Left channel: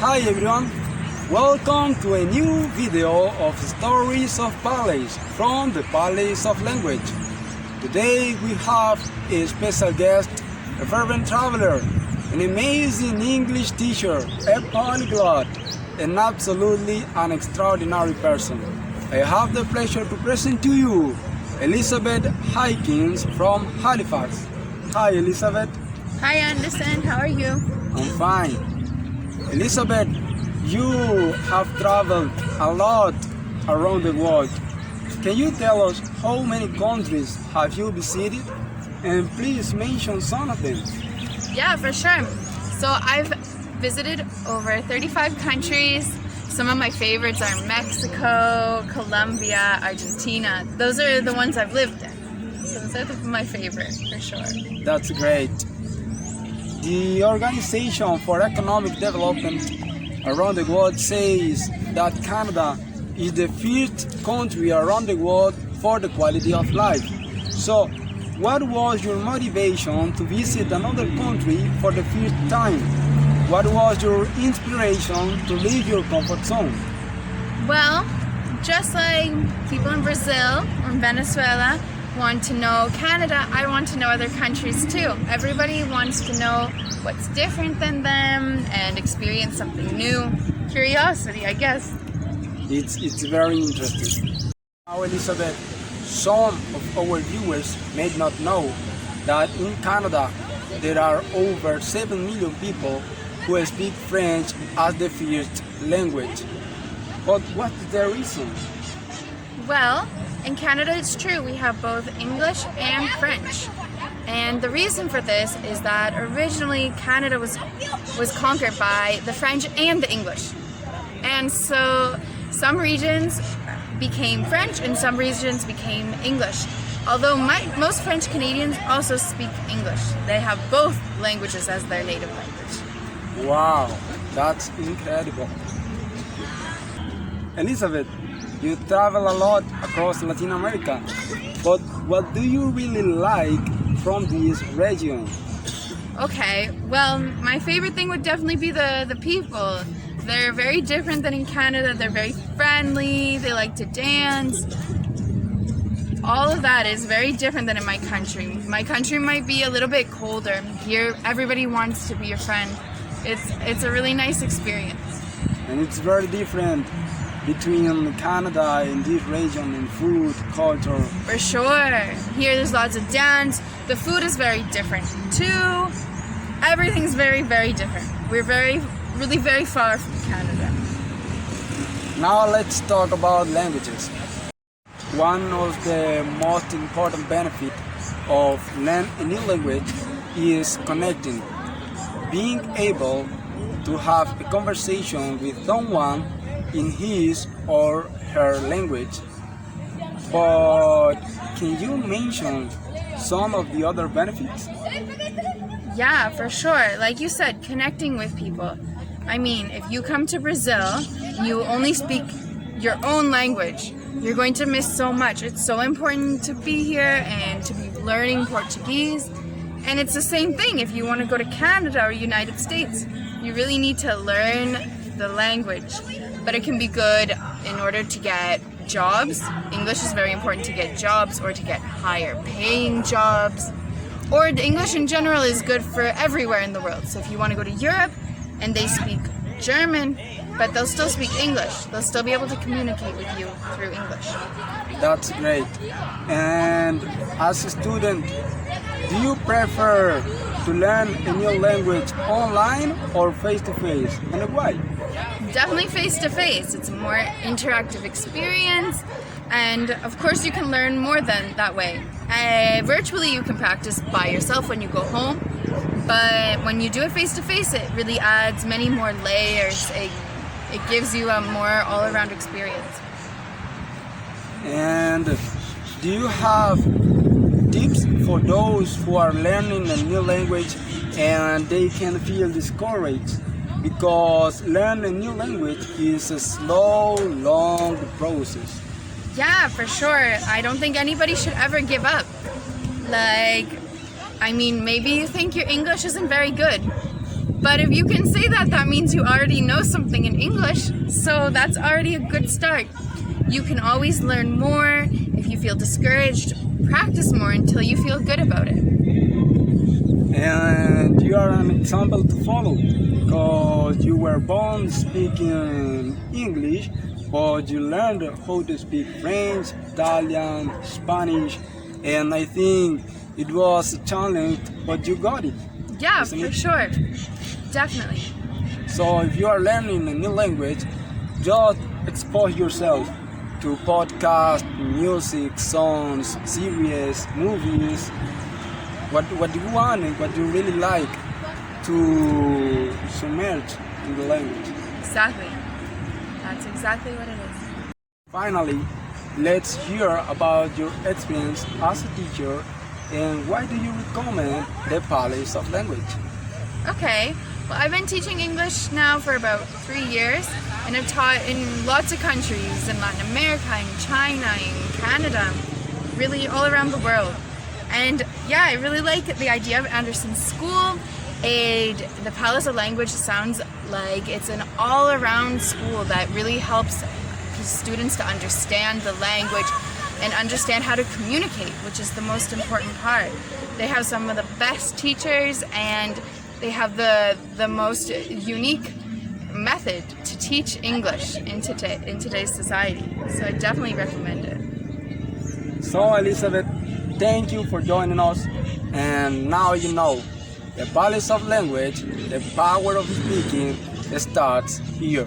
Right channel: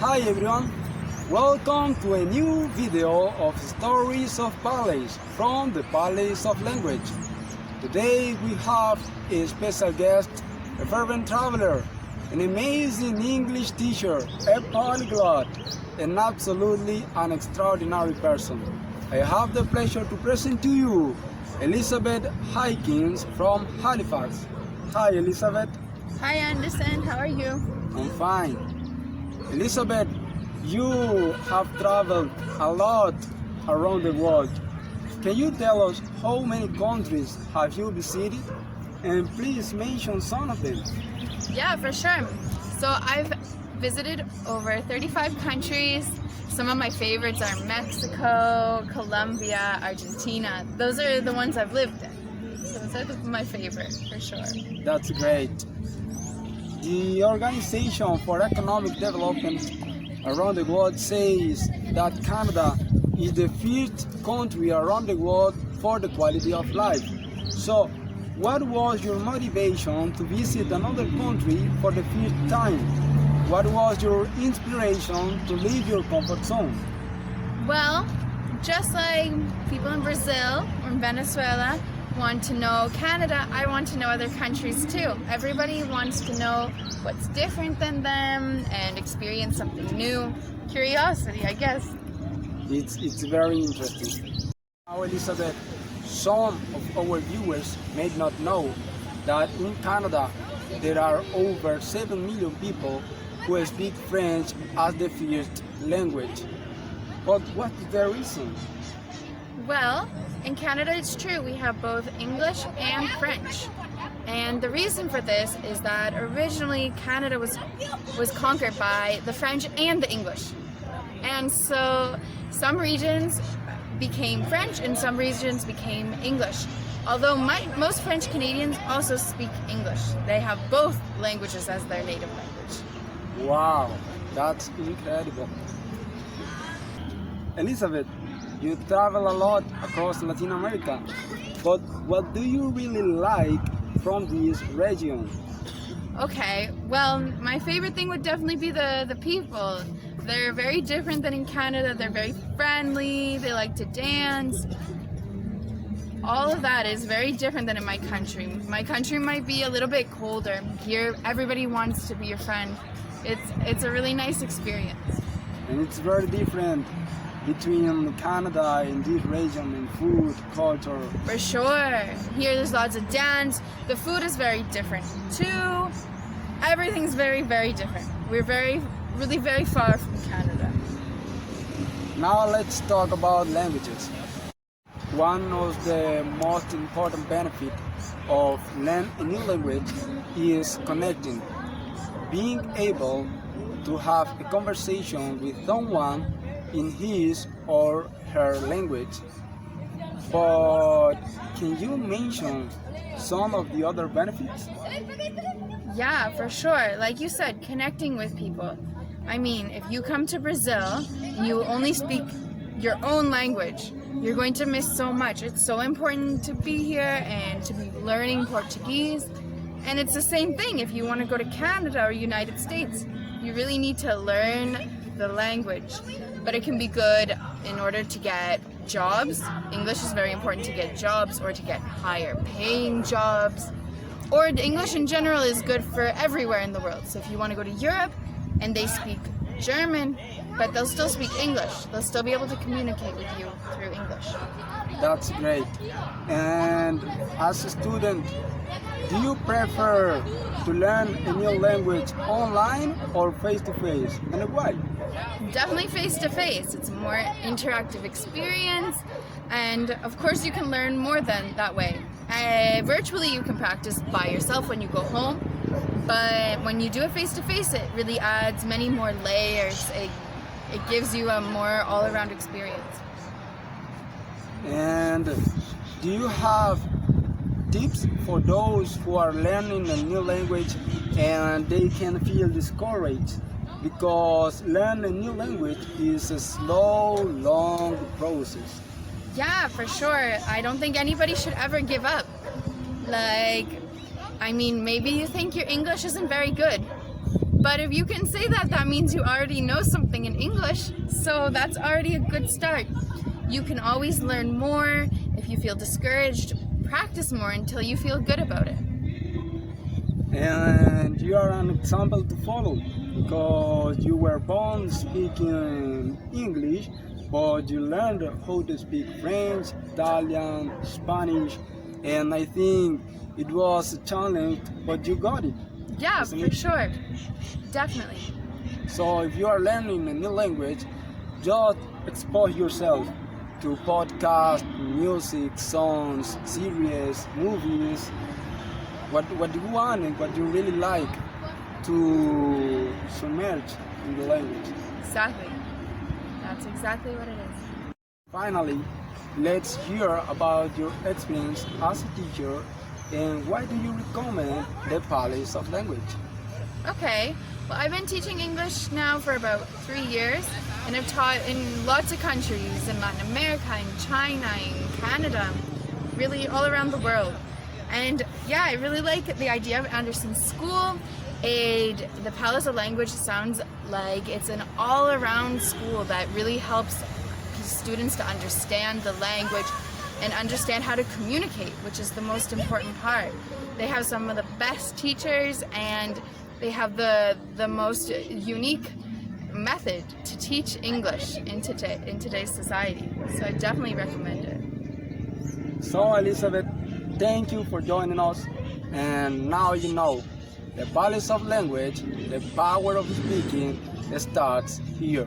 Hi everyone, welcome to a new video of Stories of Palace from the Palace of Language. Today we have a special guest, a fervent traveler, an amazing English teacher, a polyglot, and absolutely an extraordinary person. I have the pleasure to present to you Elizabeth Hikins from Halifax. Hi Elizabeth. Hi Anderson, how are you? I'm fine. Elizabeth, you have traveled a lot around the world. Can you tell us how many countries have you visited? And please mention some of them. Yeah, for sure. So I've visited over 35 countries. Some of my favorites are Mexico, Colombia, Argentina. Those are the ones I've lived in. So those are my favorite, for sure. That's great. The Organization for Economic Development around the world says that Canada is the fifth country around the world for the quality of life. So, what was your motivation to visit another country for the fifth time? What was your inspiration to leave your comfort zone? Well, just like people in Brazil or Venezuela want to know Canada, I want to know other countries too. Everybody wants to know what's different than them and experience something new. Curiosity, I guess. It's very interesting. Now, Elizabeth, some of our viewers may not know that in Canada there are over 7 million people who speak French as the first language. But what is the reason? Well, in Canada it's true, we have both English and French. And the reason for this is that originally Canada was conquered by the French and the English. And so some regions became French and some regions became English. Although most French Canadians also speak English. They have both languages as their native language. Wow, that's incredible. Elizabeth, you travel a lot across Latin America, but what do you really like from this region? Okay, well, my favorite thing would definitely be the people. They're very different than in Canada. They're very friendly, they like to dance. All of that is very different than in my country. My country might be a little bit colder. Here, everybody wants to be your friend. It's a really nice experience. And it's very different between Canada and this region in food, culture. For sure. Here there's lots of dance. The food is very different too. Everything's very, very different. We're really very far from Canada. Now let's talk about languages. One of the most important benefits of learning a new language is connecting. Being able to have a conversation with someone in his or her language. But can you mention some of the other benefits? Yeah, for sure. Like you said, connecting with people. I mean, if you come to Brazil, you only speak your own language. You're going to miss so much. It's so important to be here and to be learning Portuguese. And it's the same thing if you want to go to Canada or United States. You really need to learn the language. But it can be good in order to get jobs. English is very important to get jobs or to get higher paying jobs. Or English in general is good for everywhere in the world. So if you want to go to Europe and they speak German, but they'll still speak English. They'll still be able to communicate with you through English. That's great. And as a student, do you prefer to learn a new language online or face-to-face? And why? Definitely face-to-face. It's a more interactive experience, and of course you can learn more than that way. Virtually you can practice by yourself when you go home, but when you do it face-to-face it really adds many more layers. It gives you a more all-around experience. And do you have tips for those who are learning a new language and they can feel discouraged because learning a new language is a slow, long process? Yeah, for sure. I don't think anybody should ever give up. Like, I mean, maybe you think your English isn't very good, But if you can say that, that means you already know something in English, so that's already a good start. You can always learn more. If you feel discouraged, practice more until you feel good about it. And you are an example to follow because you were born speaking English, but you learned how to speak French, Italian, Spanish, and I think it was a challenge, but you got it. Yeah, Isn't for it? sure. Definitely. So if you are learning a new language, just expose yourself to podcasts, music, songs, series, movies, what you want and what you really like to submerge in the language. Exactly. That's exactly what it is. Finally, let's hear about your experience as a teacher and why do you recommend the Palace of Language? Okay, well, I've been teaching English now for about 3 years, and I've taught in lots of countries, in Latin America, in China, in Canada, really all around the world. And yeah, I really like the idea of Anderson School. The Palace of Language sounds like it's an all-around school that really helps students to understand the language and understand how to communicate, which is the most important part. They have some of the best teachers and they have the most unique method to teach English in today's society. So I definitely recommend it. So Elizabeth, thank you for joining us, and now you know the Palace of Language, the power of speaking starts here.